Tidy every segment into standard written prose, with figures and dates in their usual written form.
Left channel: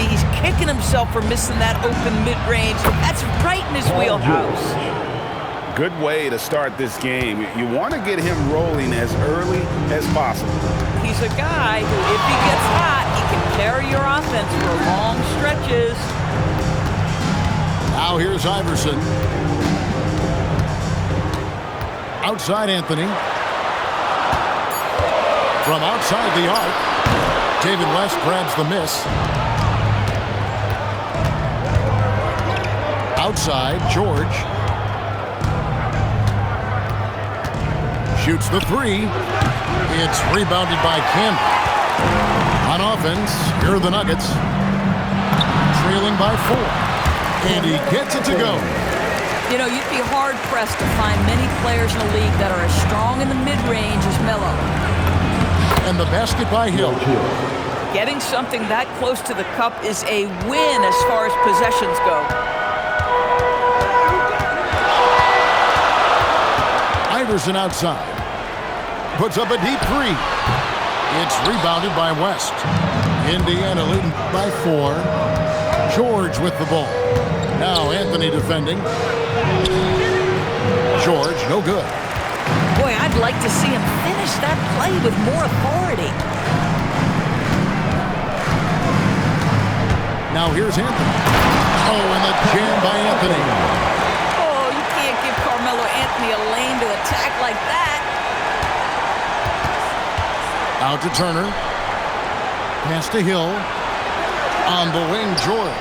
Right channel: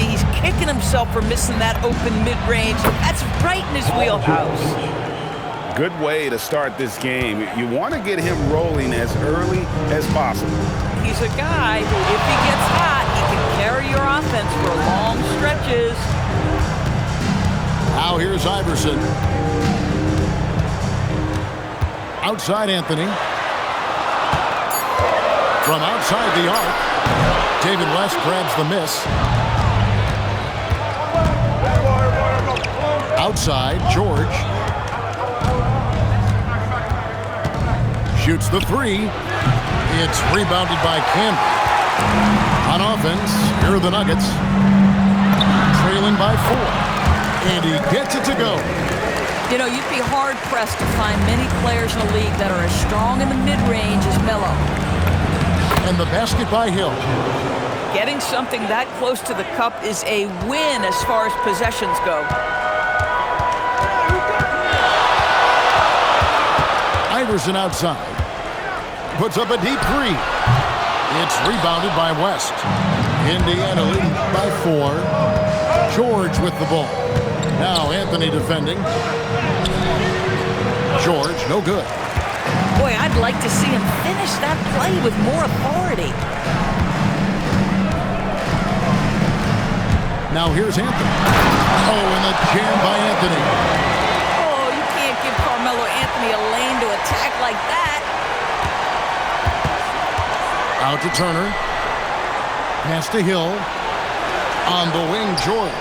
see he's kicking himself for missing that open mid-range. That's right in his wheelhouse. Good way to start this game. You want to get him rolling as early as possible. He's a guy who, if he gets hot, he can carry your offense for long stretches. Now here's Iverson. Outside Anthony. From outside the arc, David West grabs the miss. Outside, George. Shoots the three. It's rebounded by Canby. On offense, here are the Nuggets. Trailing by 4. And he gets it to go. You know, you'd be hard-pressed to find many players in the league that are as strong in the mid-range as Melo. And the basket by Hill. Getting something that close to the cup is a win as far as possessions go. Iverson outside. Puts up a deep three. It's rebounded by West. Indiana leading by 4. George with the ball. Now Anthony defending. George, no good. Boy, I'd like to see him finish that play with more authority. Now here's Anthony. Oh, and the jam by Anthony. Oh, you can't give Carmelo Anthony a lane to attack like that. Out to Turner. Pass to Hill. On the wing, George.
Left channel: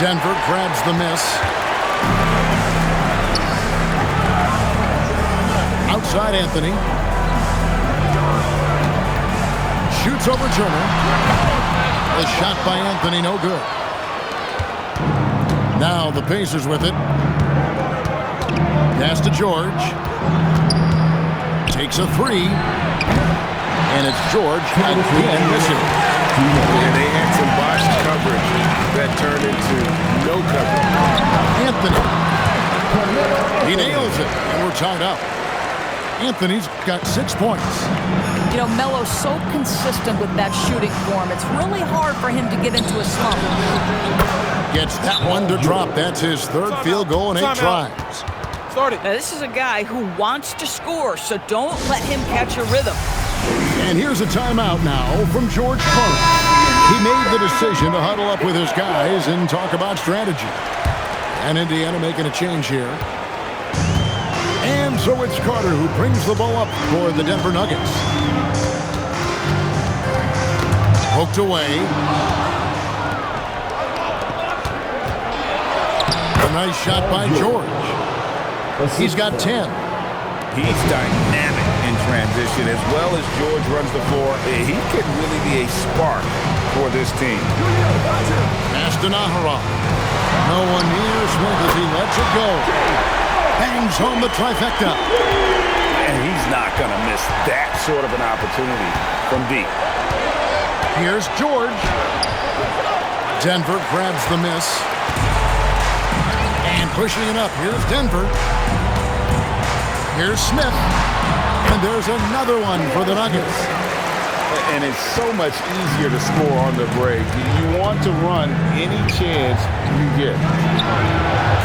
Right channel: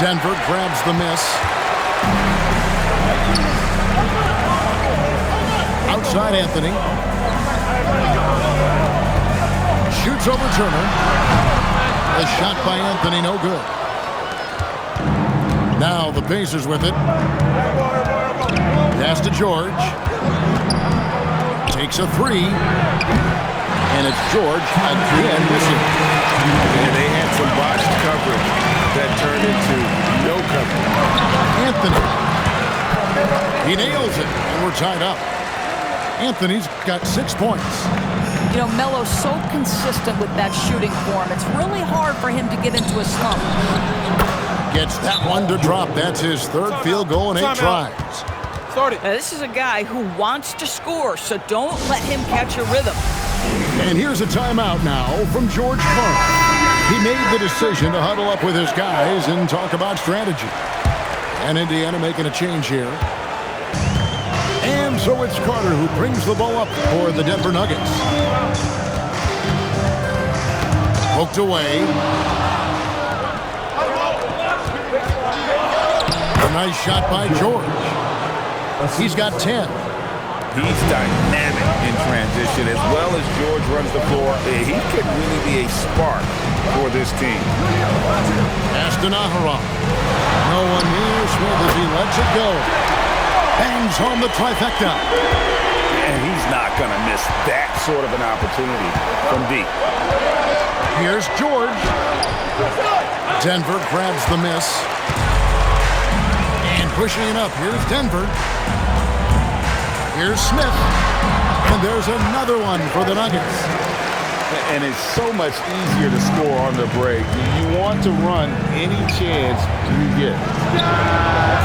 Denver grabs the miss. Outside Anthony. Shoots over Turner. A shot by Anthony, no good. Now the Pacers with it. Pass to George. Takes a three. And it's George again missing. And they had some botched coverage that turned into no coverage. Anthony. He nails it, and we're tied up. Anthony's got 6 points. You know, Melo's so consistent with that shooting form. It's really hard for him to get into a slump. Gets that one to drop. That's his third field goal in 8 tries. Now, this is a guy who wants to score, so don't let him catch a rhythm. And here's a timeout now from George Karl. He made the decision to huddle up with his guys and talk about strategy. And Indiana making a change here. And so it's Carter who brings the ball up for the Denver Nuggets. Poked away. A nice shot by George. He's got 10. He's dynamic in transition as well as George runs the floor. He could really be a spark for this team. Pass to Naharov. No one near Smith as he lets it go. Bangs home the trifecta. And he's not going to miss that sort of an opportunity from deep. Here's George. Denver grabs the miss. And pushing it up. Here's Denver. Here's Smith. And there's another one for the Nuggets. And it's so much easier to score on the break. You want to run any chance you get.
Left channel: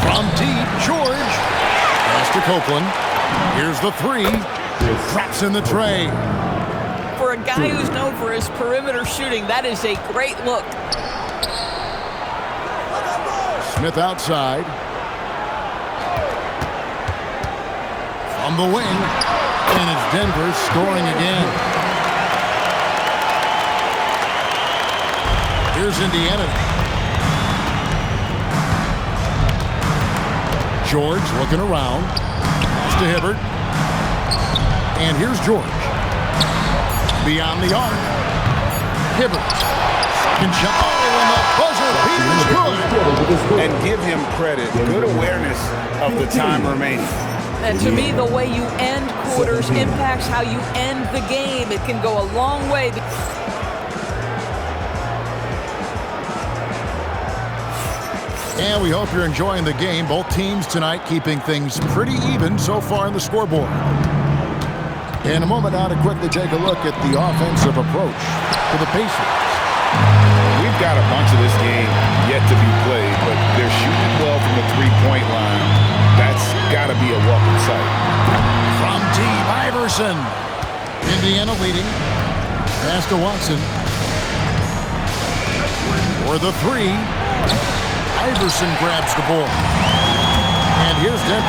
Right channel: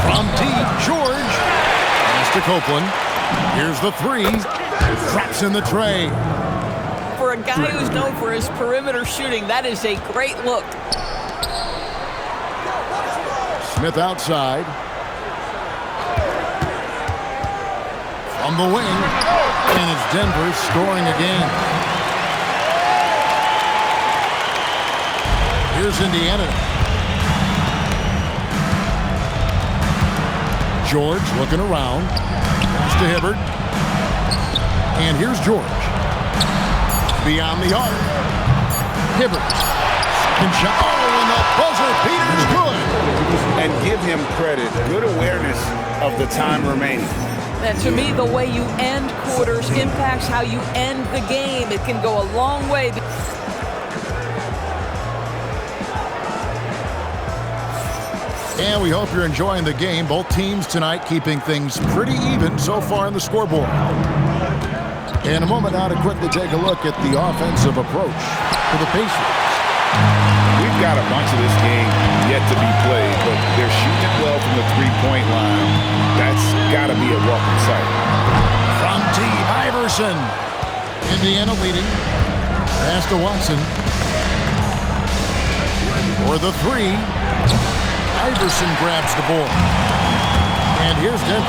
From deep, George. Pass to Copeland. Here's the three. Drops in the tray. For a guy who's known for his perimeter shooting, that is a great look. Smith outside. From the wing. And it's Denver scoring again. Here's Indiana. George looking around. Pass to Hibbert. And here's George. Beyond the arc. Hibbert. Second shot. Oh, and the buzzer beater's good. And give him credit. Good awareness of the time remaining. And to me, the way you end quarters impacts how you end the game. It can go a long way. And we hope you're enjoying the game. Both teams tonight keeping things pretty even so far in the scoreboard. In a moment now to quickly take a look at the offensive approach. for the Pacers. We've got a bunch of this game yet to be played, but they're shooting it well from the three-point line. That's got to be a welcome sight. From deep, Iverson. Indiana leading. Pass to Watson. For the three. Iverson grabs the board. And here's Denver.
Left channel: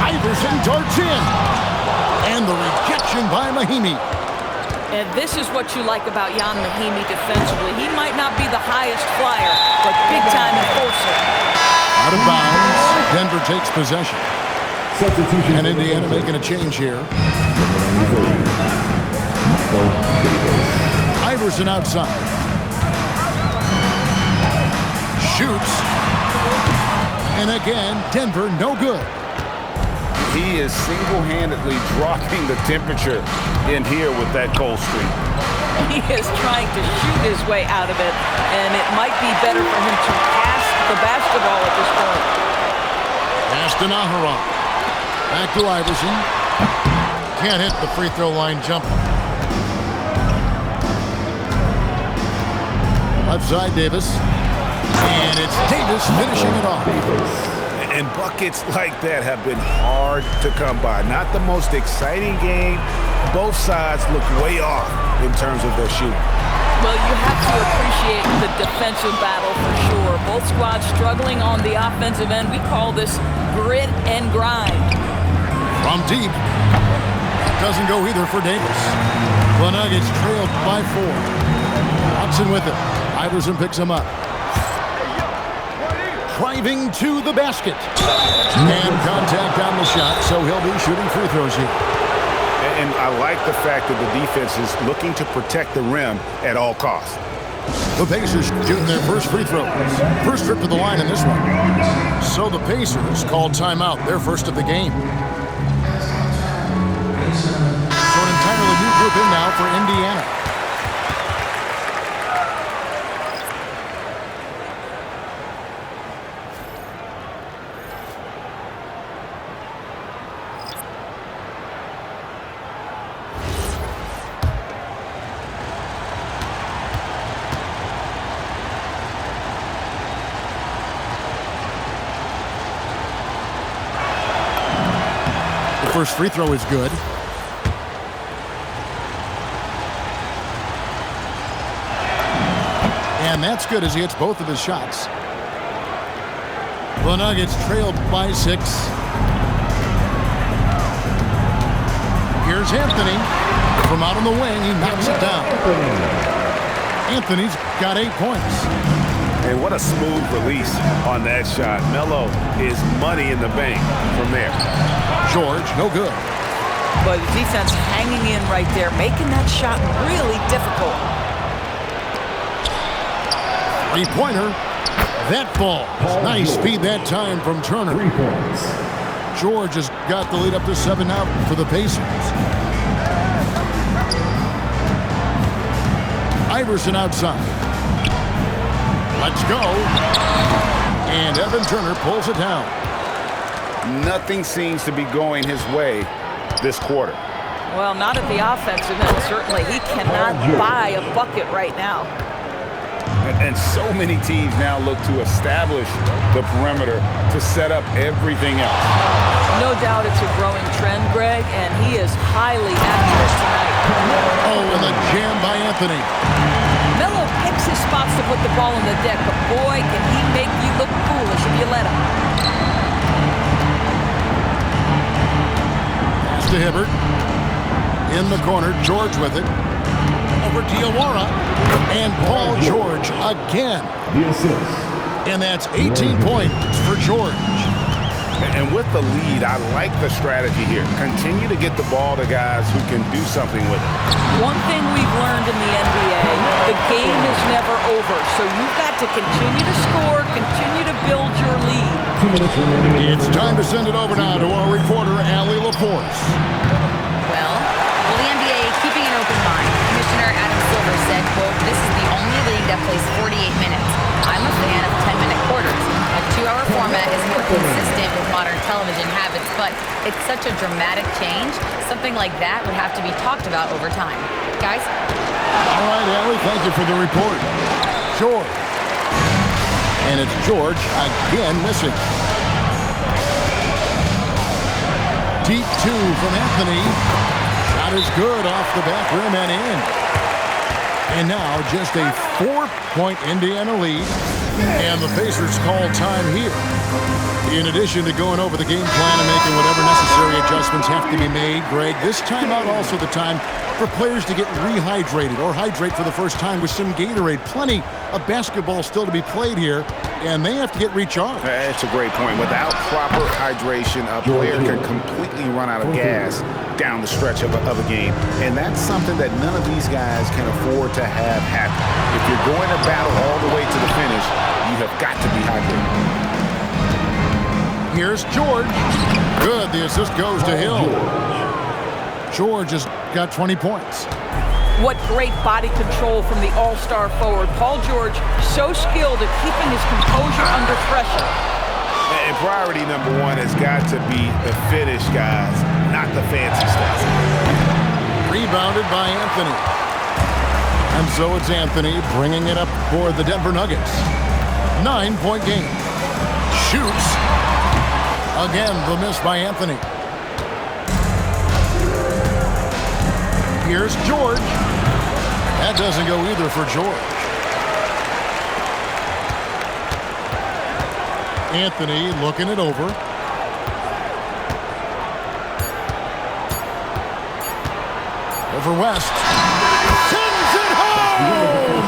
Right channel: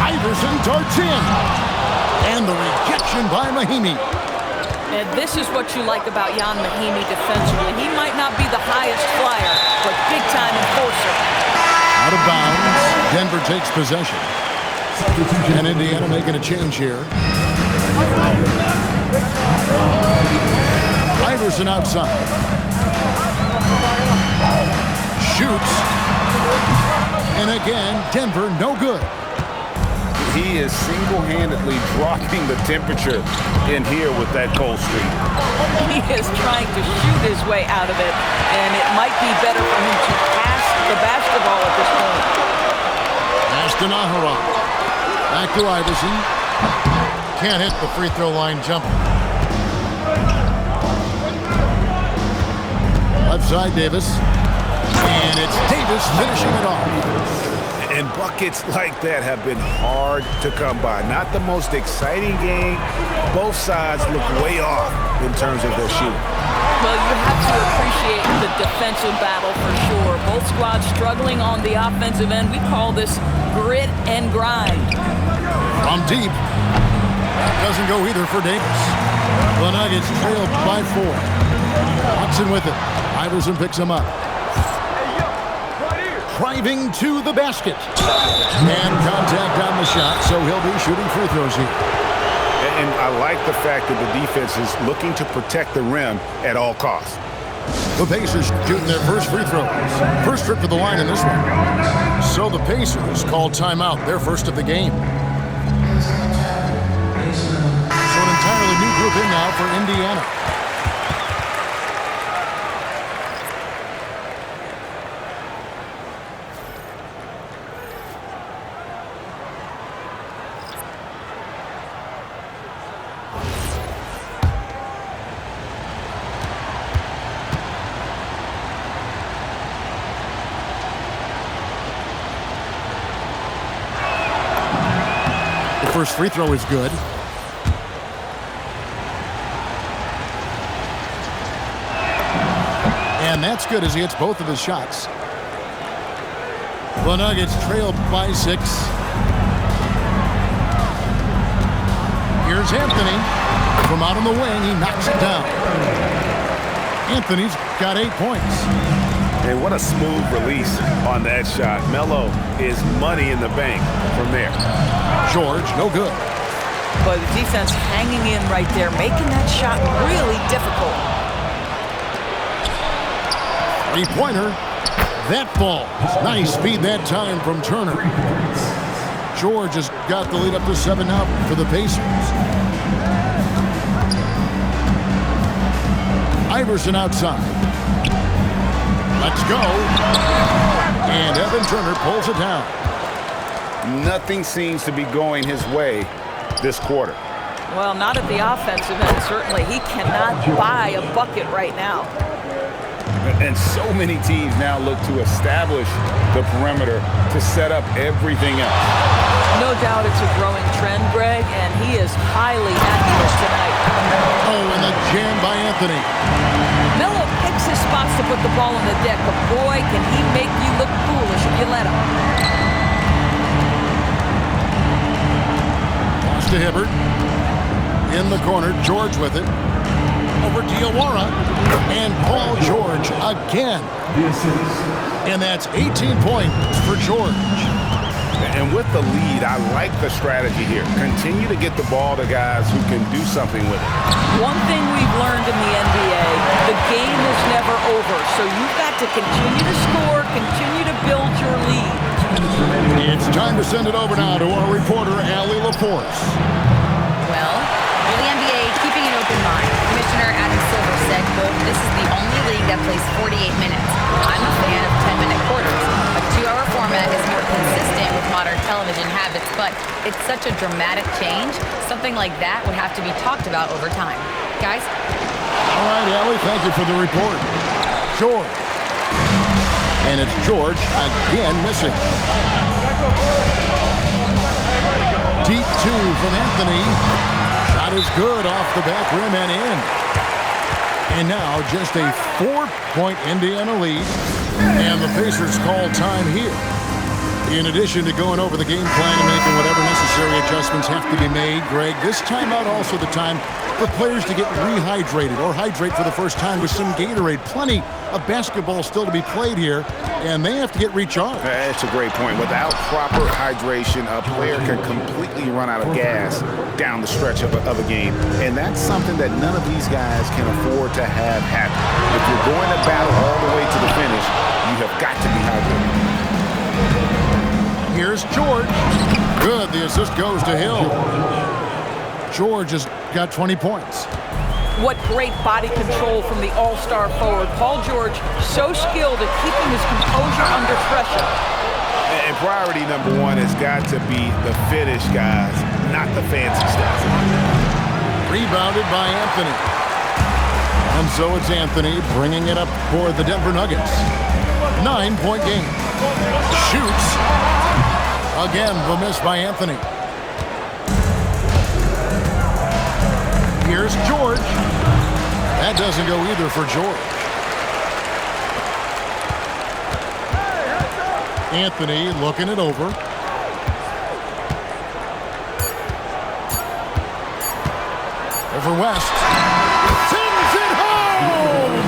Iverson darts in. And the rejection by Mahinmi. And this is what you like about Ian Mahinmi defensively. He might not be the highest flyer, but big-time enforcer. Out of bounds. Denver takes possession. And Indiana making a change here. Iverson outside. Shoots. And again, Denver no good. He is single-handedly dropping the temperature in here with that cold streak. He is trying to shoot his way out of it, and it might be better for him to pass the basketball at this point. Pass to Naharon. Back to Iverson. Can't hit the free throw line jumper. Left side, Davis. And it's Davis finishing it off. And buckets like that have been hard to come by. Not the most exciting game. Both sides look way off in terms of their shooting. Well, you have to appreciate the defensive battle for sure. Both squads struggling on the offensive end. We call this grit and grind. From deep. That doesn't go either for Davis. The Nuggets trailed by 4. Watson with it. Iverson picks him up. Driving to the basket. And contact on the shot, so he'll be shooting free throws here. And I like the fact that the defense is looking to protect the rim at all costs. The Pacers shooting their first free throws. First trip to the line in this one. So the Pacers called timeout, their first of the game. So an entirely new group in now for Indiana. First free throw is good. And that's good as he hits both of his shots. The Nuggets trailed by 6. Here's Anthony. From out on the wing, he knocks it down. Anthony's got 8 points. And what a smooth release on that shot. Melo is money in the bank from there. George, no good. But the defense hanging in right there, making that shot really difficult. 3-pointer. That falls. Nice speed that time from Turner. George has got the lead up to 7 now for the Pacers. Iverson outside. Let's go. And Evan Turner pulls it down. Nothing seems to be going his way this quarter. Well, not at the offensive end, certainly. He cannot buy a bucket right now. And so many teams now look to establish the perimeter to set up everything else. No doubt it's a growing trend, Greg, and he is highly accurate tonight. Oh, and the jam by Anthony. Melo picks his spots to put the ball on the deck, but boy, can he make you look foolish if you let him. Pass to Hibbert. In the corner, George with it. Over Diawara. And Paul George again. And that's 18 points for George. And with the lead, I like the strategy here. Continue to get the ball to guys who can do something with it. One thing we've learned in the NBA, the game is never over. So you've got to continue to score, continue to build your lead. 2 minutes remaining. It's time to send it over now to our reporter, Allie LaForce. Well, will the NBA keeping an open mind? Commissioner Adam Silver said, quote, "This is the only league that plays 48 minutes. I'm a fan of 10-minute quarters. A 2-hour format is more consistent with modern television habits, but it's such a dramatic change. Something like that would have to be talked about over time." Guys? All right, Allie, thank you for the report. George. And it's George again missing. Deep two from Anthony. Shot is good off the back rim and in. And now just a 4-point Indiana lead. And the Pacers call time here. In addition to going over the game plan and making whatever necessary adjustments have to be made, Greg, this timeout also the time for players to get rehydrated or hydrate for the first time with some Gatorade. Plenty of basketball still to be played here, and they have to get recharged. That's a great point. Without proper hydration, a player can completely run out of gas down the stretch of a game. And that's something that none of these guys can afford to have happen. If you're going to battle all the way to the finish, you have got to be hydrated. Here's George. Good. The assist goes to Hill. George has got 20 points. What great body control from the all-star forward. Paul George, so skilled at keeping his composure under pressure. And priority number one has got to be the finish, guys, not the fancy stuff. Rebounded by Anthony. And so it's Anthony bringing it up for the Denver Nuggets. 9-point game. Shoots. Again, the miss by Anthony. Here's George. That doesn't go either for George. Anthony looking it over. Over West. Sends it home!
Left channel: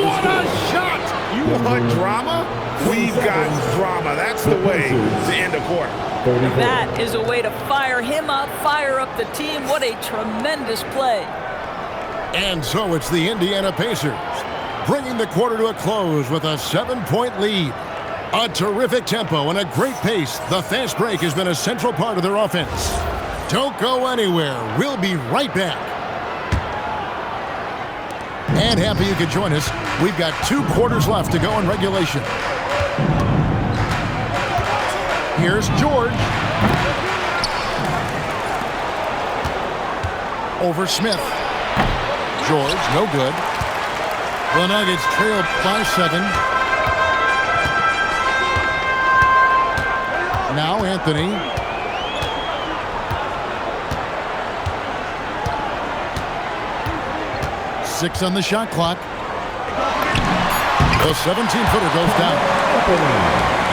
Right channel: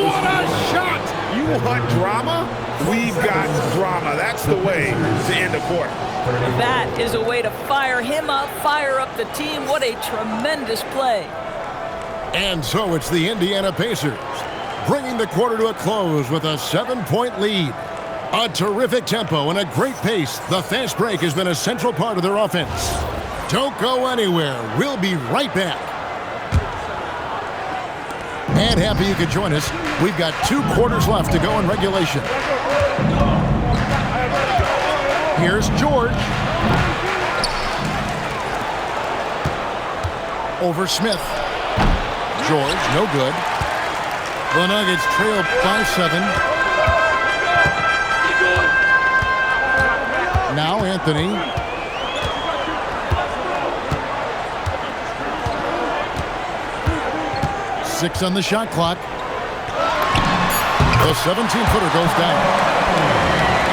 What a shot! You want drama? We've got drama. That's the way to end a quarter. That is a way to fire him up, fire up the team. What a tremendous play. And so it's the Indiana Pacers bringing the quarter to a close with a 7-point lead. A terrific tempo and a great pace. The fast break has been a central part of their offense. Don't go anywhere. We'll be right back. And happy you could join us. We've got 2 quarters left to go in regulation. Here's George. Over Smith. George, no good. The Nuggets trail by 7. Now Anthony. Six on the shot clock. The 17-footer goes down.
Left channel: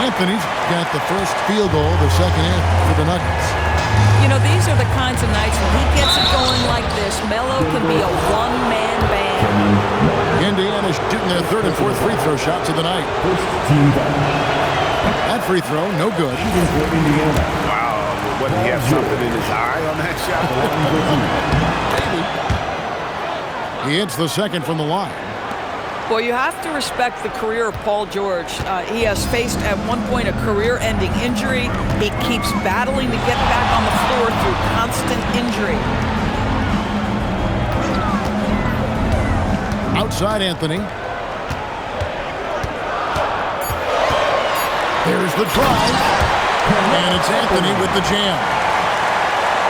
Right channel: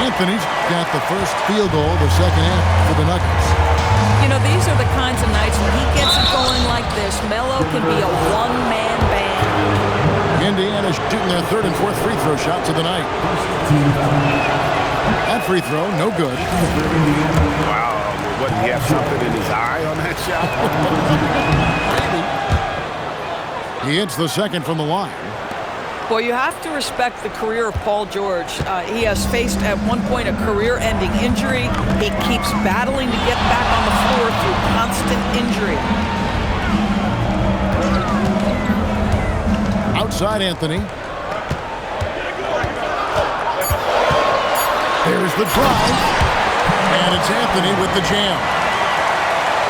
Anthony's got the first field goal, the second half for the Nuggets. You know, these are the kinds of nights when he gets it going like this. Melo can be a one-man band. Indiana's shooting their 3rd and 4th free throw shots of the night. That free throw, no good. Wow, what, did he have something in his eye on that shot? Maybe. He hits the second from the line. Well, you have to respect the career of Paul George. He has faced at one point a career-ending injury. He keeps battling to get back on the floor through constant injury. Outside Anthony. There's the drive. And it's Anthony with the jam.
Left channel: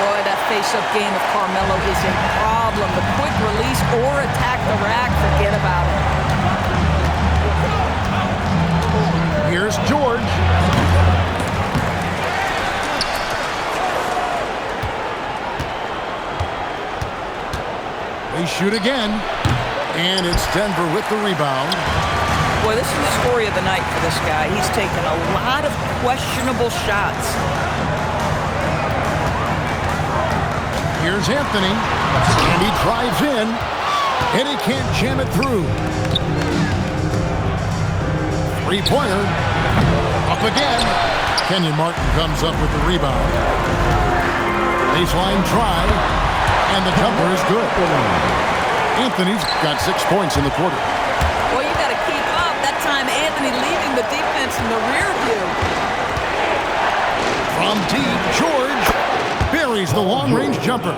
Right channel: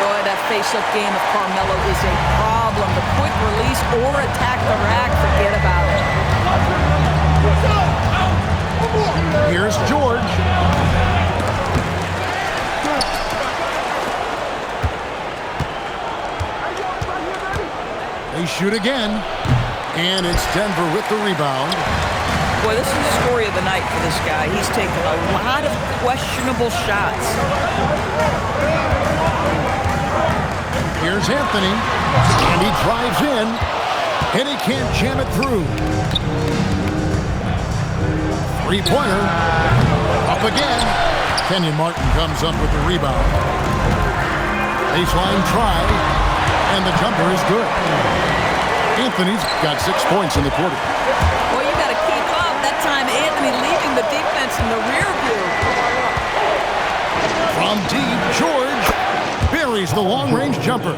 Boy, that face-up game of Carmelo is a problem. The quick release or attack the rack, forget about it. Here's George. They shoot again. And it's Denver with the rebound. Boy, this is the story of the night for this guy. He's taken a lot of questionable shots. Here's Anthony, and he drives in, and he can't jam it through. Three-pointer, up again. Kenyon Martin comes up with the rebound. Baseline try, and the jumper is good. Anthony's got 6 points in the quarter. Well, you got to keep up. That time, Anthony leaving the defense in the rear view. From deep, George buries the long-range jumper.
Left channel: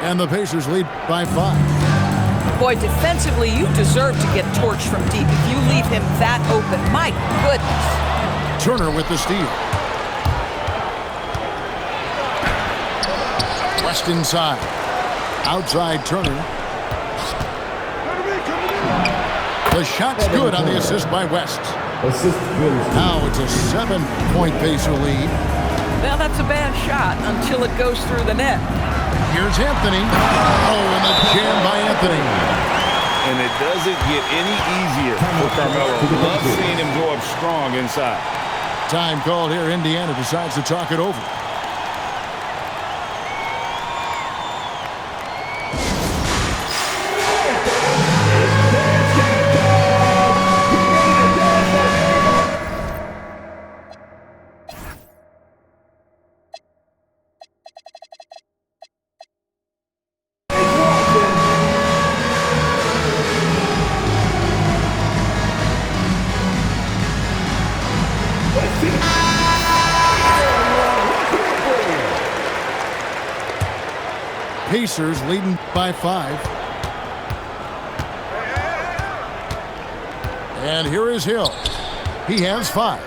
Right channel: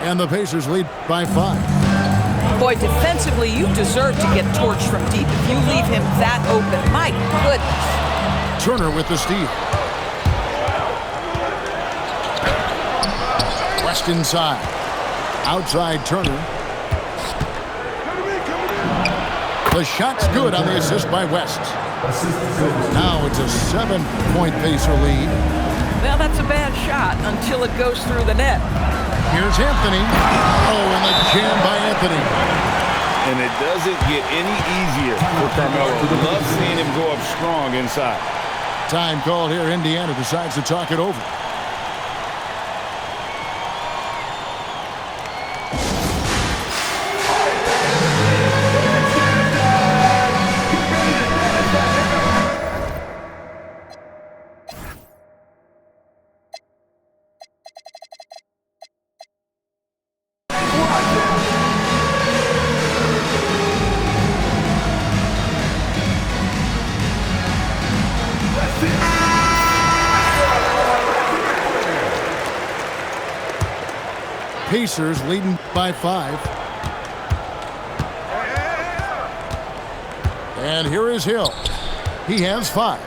And the Pacers lead by 5. Boy, defensively, you deserve to get torched from deep if you leave him that open. My goodness. Turner with the steal. West inside. Outside Turner. the shot's good on the assist by West. Now it's a 7-point Pacer lead. Well, that's a bad shot until it goes through the net. Here's Anthony. Oh, and the jam by Anthony. And it doesn't get any easier for Carmelo. Love seeing him go up strong inside. Time called here. Indiana decides to talk it over. Pacers leading by 5. And here is Hill. He has 5.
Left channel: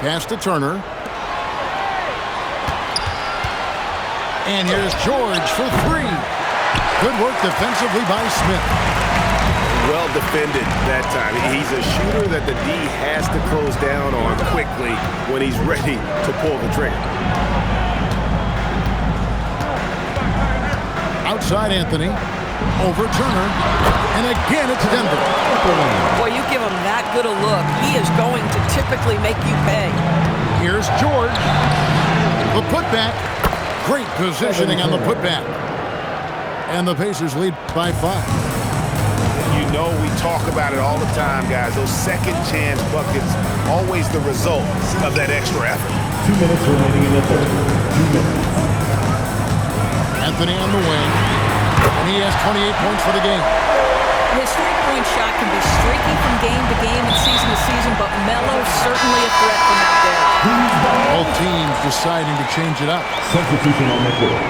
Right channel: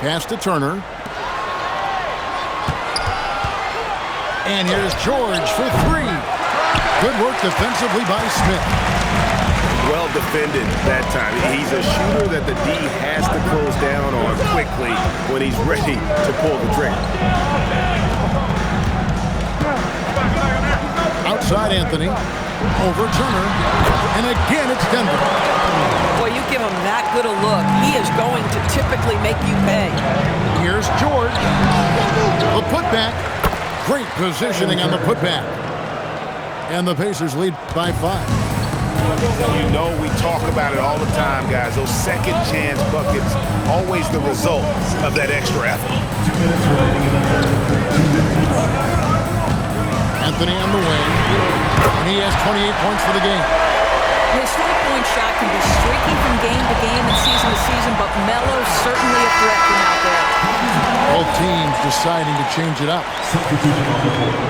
Pass to Turner. And here's George for 3. Good work defensively by Smith. Well defended that time. He's a shooter that the D has to close down on quickly when he's ready to pull the trigger. Outside Anthony. Over Turner. And again it's Denver. Boy, you give him that good a look, he is going to typically make you pay. Here's George. The putback. Great positioning on the putback. And the Pacers lead by 5. You know we talk about it all the time, guys. Those second chance buckets, always the result of that extra effort. 2 minutes remaining in the third. 2 minutes. Anthony on the wing. And he has 28 points for the game. His three-point shot can be streaky from game to game and season to season, but Melo's certainly a threat from out there. Both teams deciding to change it up. Substitution on the court.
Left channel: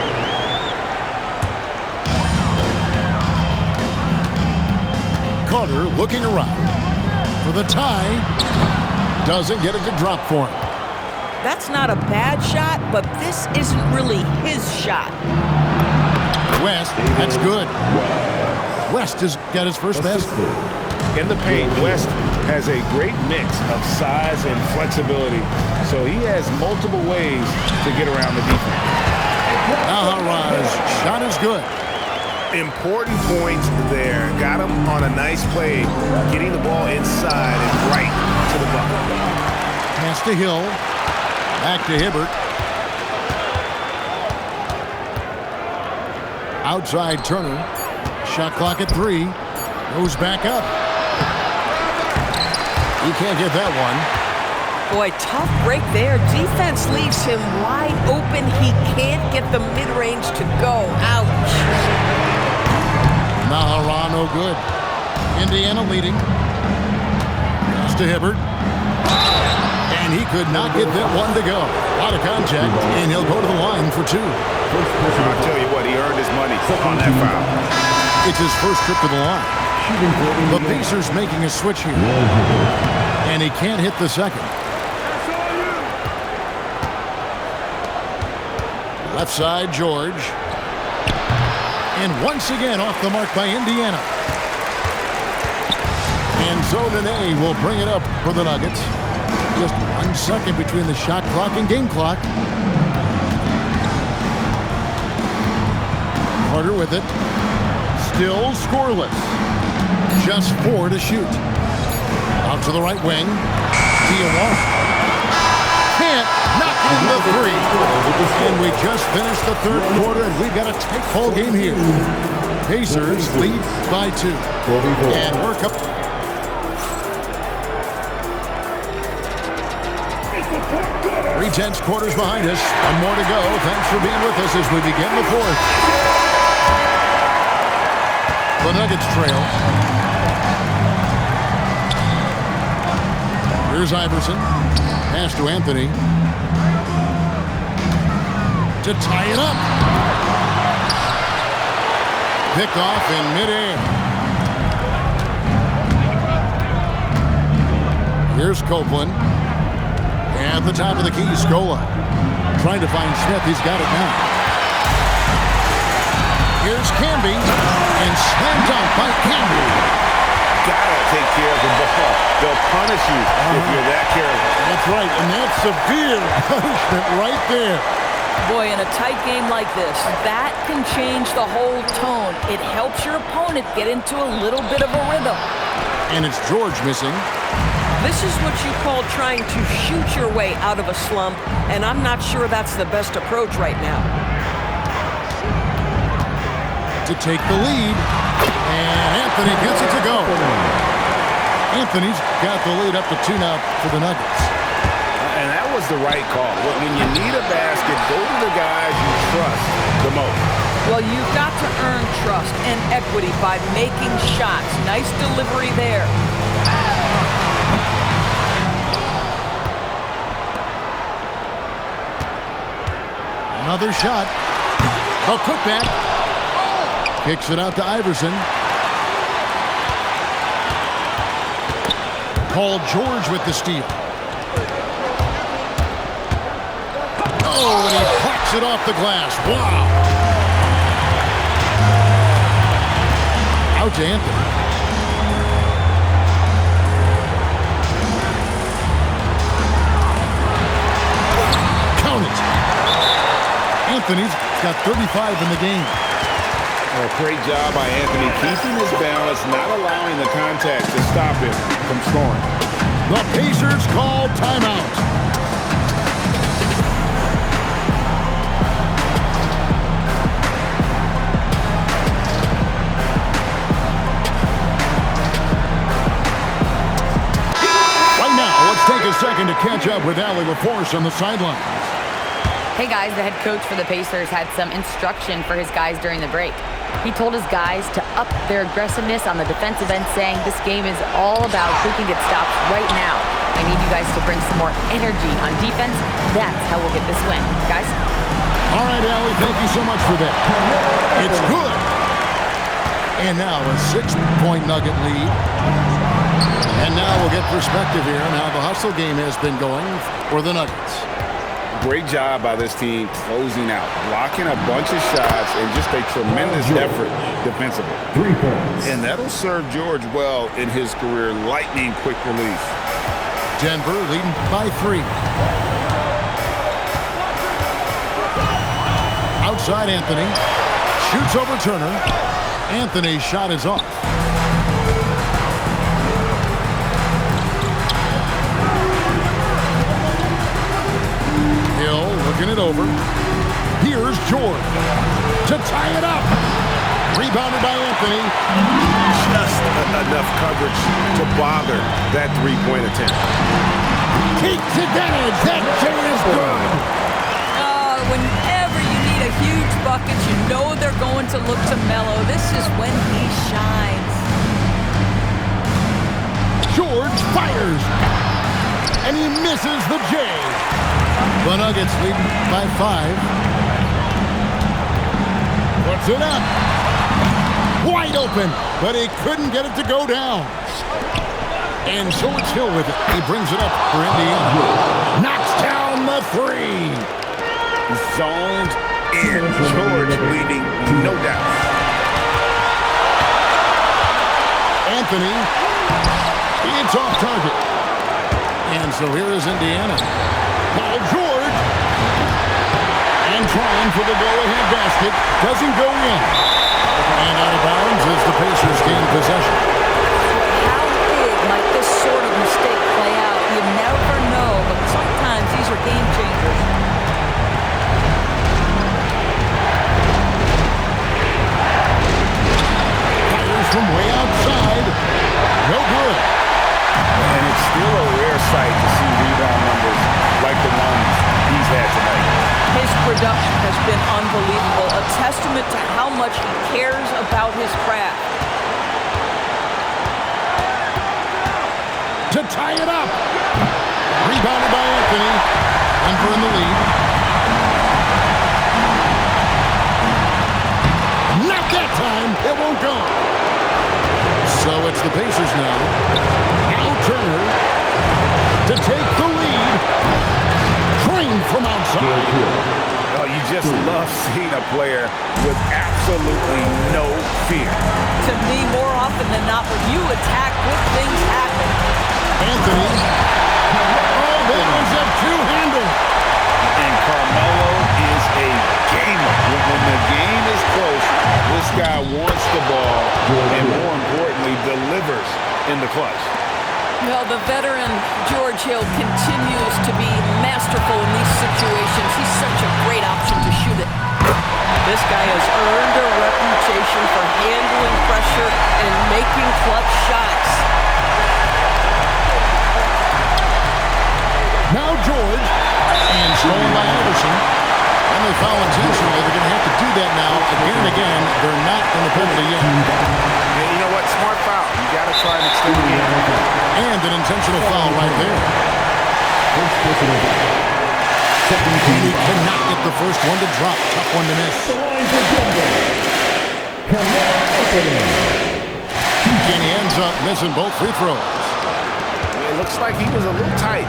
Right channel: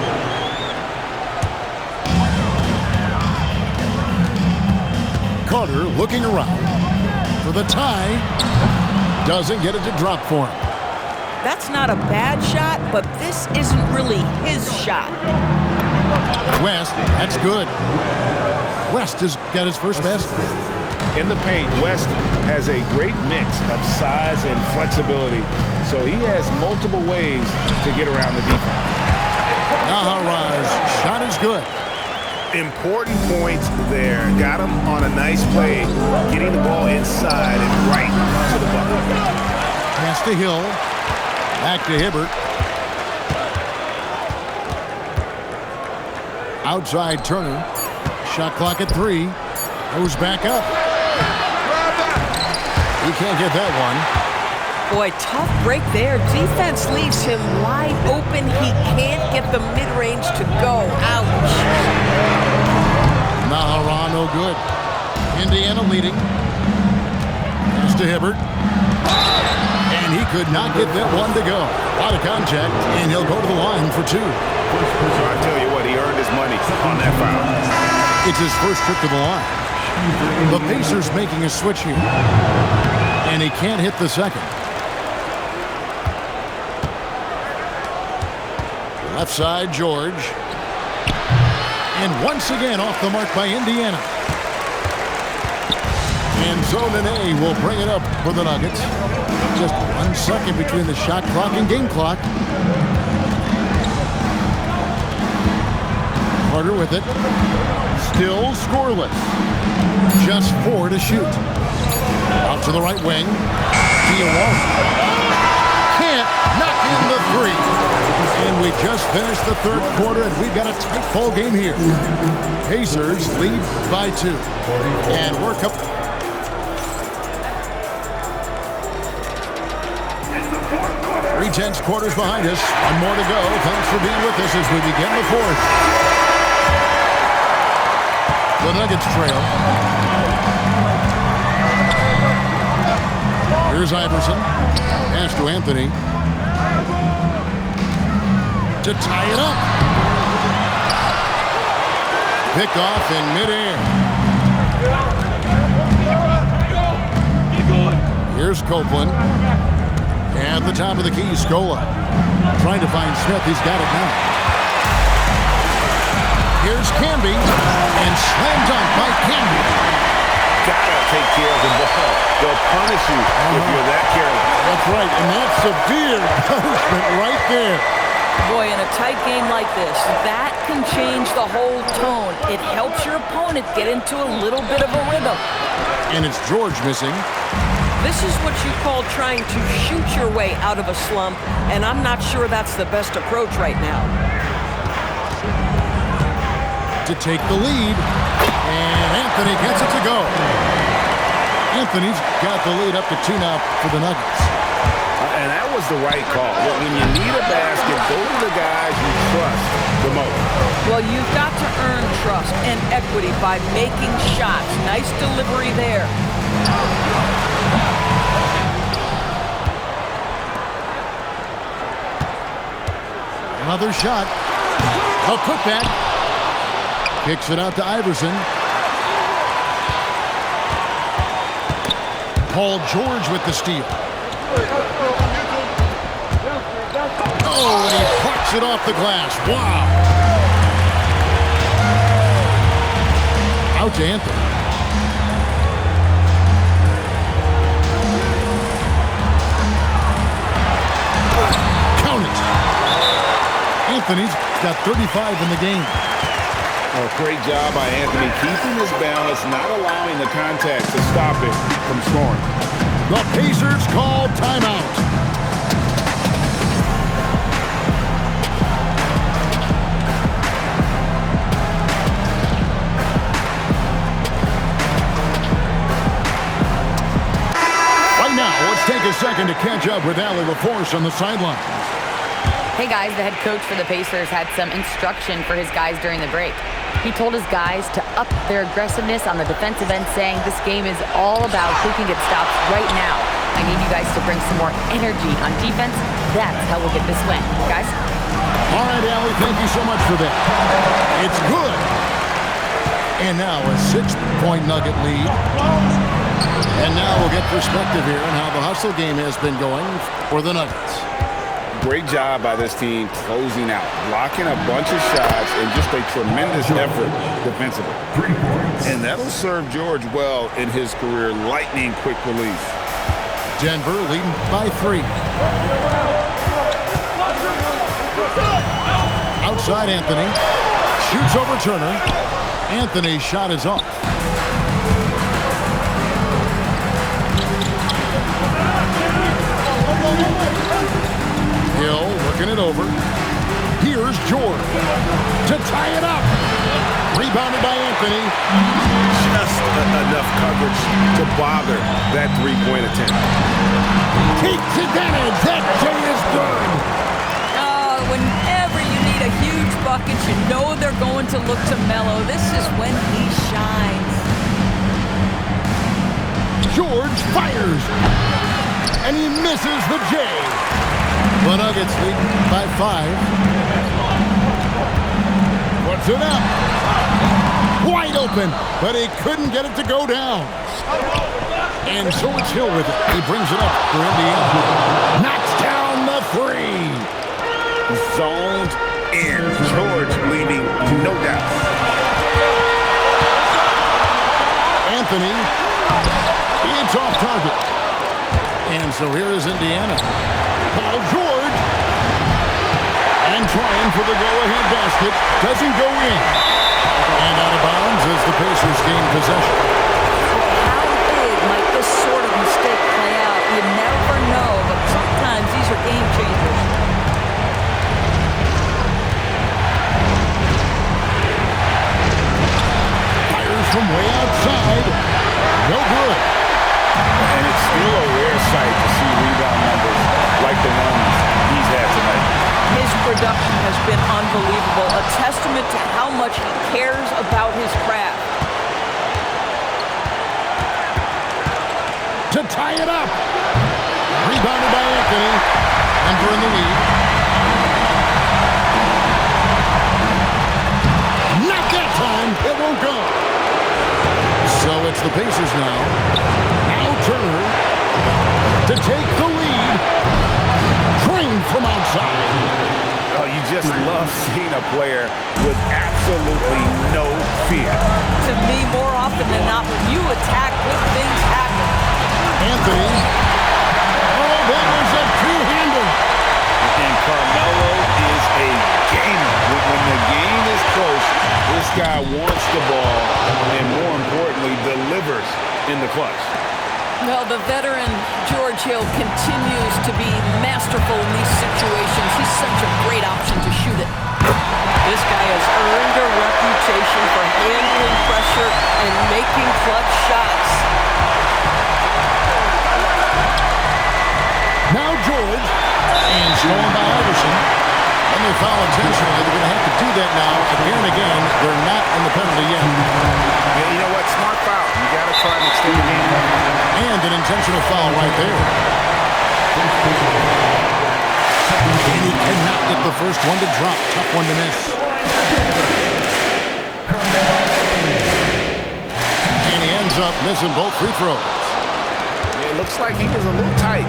Carter looking around for the tie. Doesn't get it to drop for him. That's not a bad shot, but this isn't really his shot. West, that's good. West has got his first basket. In the paint, West has a great mix of size and flexibility, so he has multiple ways to get around the defense. Naharaz shot is good. Important points there. Got him on a nice play, getting the ball inside and right to the bucket. Pass to Hill. Back to Hibbert. Outside Turner. Shot clock at 3. Goes back up. He can't get that one. Boy, tough break there. Defense leaves him wide open. He can't get the mid-range to go. Ouch. Nahara no good. Indiana leading. Pass to Hibbert. And he could not get that one to go. Out of contact, and he'll go to the line for 2. I'll tell you what, he earned his money on that foul. It's his first trip to the line. The Pacers making a switch here. And he can't hit the second. Left side, George. And once again off the mark by Indiana. And Zonane will bring it up for the Nuggets. Just 1 second between the shot clock and game clock. Carter with it. Still scoreless. Just 4 to shoot. Out to the right wing. Diawara. Can't knock in the 3. And we just finished the third quarter, and we've got a tight ball game here. Pacers lead by 2. And we're up. 3 tenths quarters behind us. 1 more to go. Thanks for being with us as we begin the 4th. The Nuggets trail. Here's Iverson. Pass to Anthony. To tie it up. Picked off in midair. Here's Copeland. At the top of the key, Scola. Trying to find Smith. He's got it now. Here's Camby, and slam dunk by Camby. Gotta take care of the ball. They'll punish you if you're that careless. That's right, and that's severe punishment right there. Boy, in a tight game like this, that can change the whole tone. It helps your opponent get into a little bit of a rhythm. And it's George missing. This is what you call trying to shoot your way out of a slump, and I'm not sure that's the best approach right now. To take the lead, and Anthony gets it to go. Anthony's got the lead up to 2 now for the Nuggets. And that was the right call. When you need a basket, go to the guys you trust the most. Well, you've got to earn trust and equity by making shots. Nice delivery there. Another shot. A putback. Kicks it out to Iverson. Paul George with the steal. Oh, and he plucks it off the glass. Wow. Out to Anthony. Count it. Anthony's got 35 in the game. Oh, great job by Anthony, keeping his balance, not allowing the contact to stop him from scoring. The Pacers call timeout. Right now, let's take a second to catch up with Allie LaForce on the sidelines. Hey guys, the head coach for the Pacers had some instruction for his guys during the break. He told his guys to up their aggressiveness on the defensive end, saying this game is all about who can get stops right now. I need you guys to bring some more energy on defense. That's how we'll get this win. Guys? All right, Allie, thank you so much for that. It's good. And now a 6-point Nugget lead. And now we'll get perspective here on how the hustle game has been going for the Nuggets. Great job by this team closing out, blocking a bunch of shots, and just a tremendous effort defensively. 3 points. And that'll serve George well in his career, lightning quick release. Denver leading by 3. Outside Anthony. Shoots over Turner. Anthony's shot is off. Hill looking it over. Here's George to tie it up. Rebounded by Anthony. Just enough coverage to bother that three-point attempt. Takes advantage. That J is good. Whenever you need a huge bucket, you know they're going to look to Melo. This is when he shines. George fires. And he misses the J. The Nuggets lead by 5. Puts it up. Wide open, but he couldn't get it to go down. And so it's Hill with it. He brings it up for Indiana. Knocks down the 3. Zoned in. George leaving no doubt. Anthony, it's off target. And so here is Indiana. Paul George. And trying for the go-ahead basket. Doesn't go in. And out of bounds as the Pacers gain possession. How big might this sort of mistake play out? You never know, but sometimes these are game changers. Fires from way outside. No good. And it's still a rare sight to see rebound numbers like the ones he's had tonight. His production has been unbelievable, a testament to how much he cares about his craft. To tie it up. Rebounded by Anthony. Denver in the lead. Not that time. It won't go. So it's the Pacers now. Now Turner to take the lead. Trained from outside. Oh, you just love seeing a player with absolutely no fear. To me, more often than not, when you attack, good things happen. Anthony. Oh, that was a two-hander. And Carmelo is a gamer. When the game is close, this guy wants the ball and, more importantly, delivers in the clutch. Well, the veteran George Hill continues to be masterful in these situations. He's such a great option to shoot it. This guy has earned a reputation for handling pressure and making clutch shots. Now George, and stolen by Iverson. And they foul intentionally. They're going to have to do that now again and again. They're not in the penalty yet. And you know what? Smart foul. You got to try and extend the game. And an intentional foul right there. And he cannot get the first one to drop. Tough one to miss. And he ends up missing both free throws. It looks like he was a little tight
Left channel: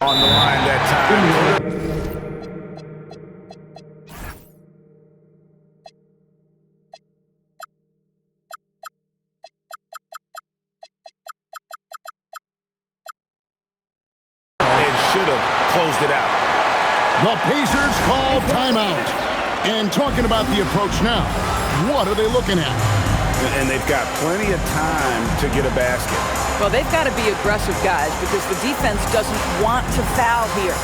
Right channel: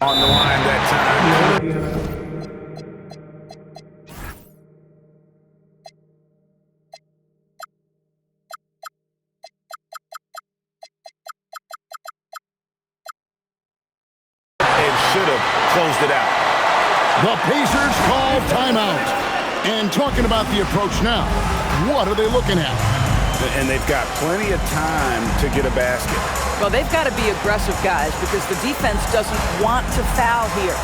on the line that time. And should have closed it out. The Pacers call timeout. And talking about the approach now, what are they looking at? And they've got plenty of time to get a basket. Well, they've got to be aggressive, guys, because the defense doesn't want to foul here.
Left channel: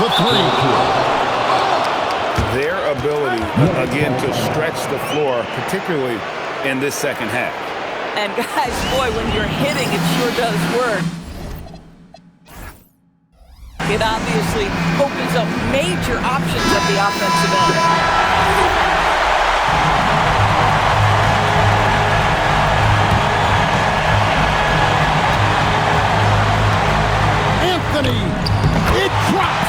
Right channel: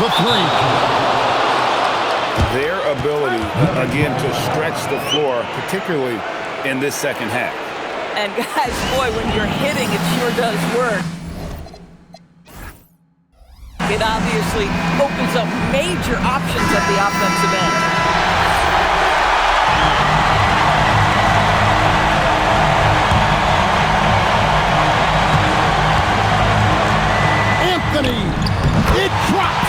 The three. Their ability, again, to stretch the floor, particularly in this second half. And guys, boy, when you're hitting, it sure does work. It obviously opens up major options at the offensive end. Anthony, it drops.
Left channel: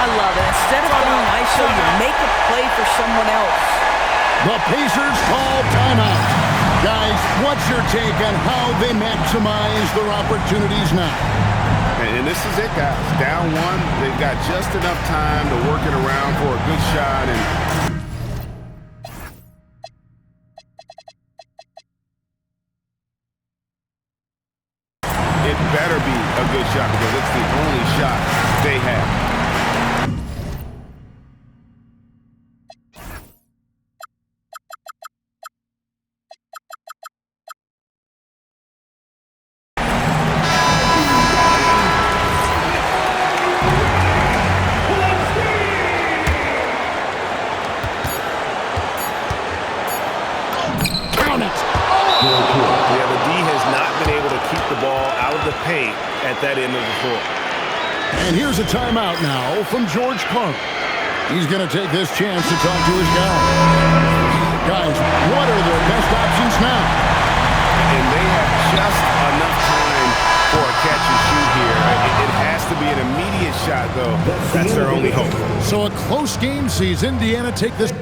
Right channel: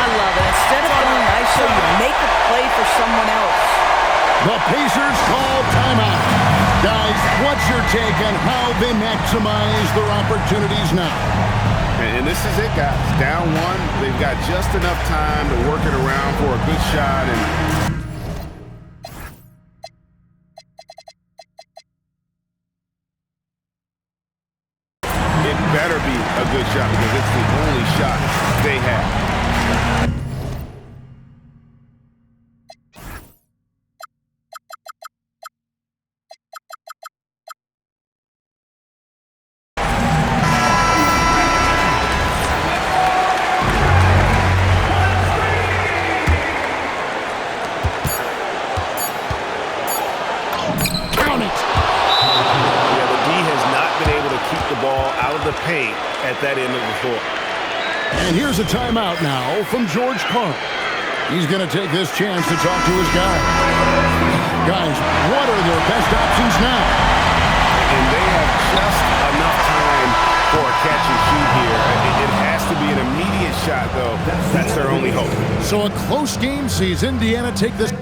I love it. Instead of going ISO, you make a play for someone else. The Pacers call timeout. Guys, what's your take on how they maximize their opportunities now? And this is it, guys. Down one, they've got just enough time to work it around for a good shot. And it better be a good shot because it's the only shot they have. Keep the ball out of the paint at that end of the floor. And here's a timeout now from George Karl. He's going to take this chance to talk to his guys. Guys, what are their best options now? And they have just enough time for a catch and shoot here. It has to be an immediate shot, though. That's their only hope. So a close game sees Indiana take this.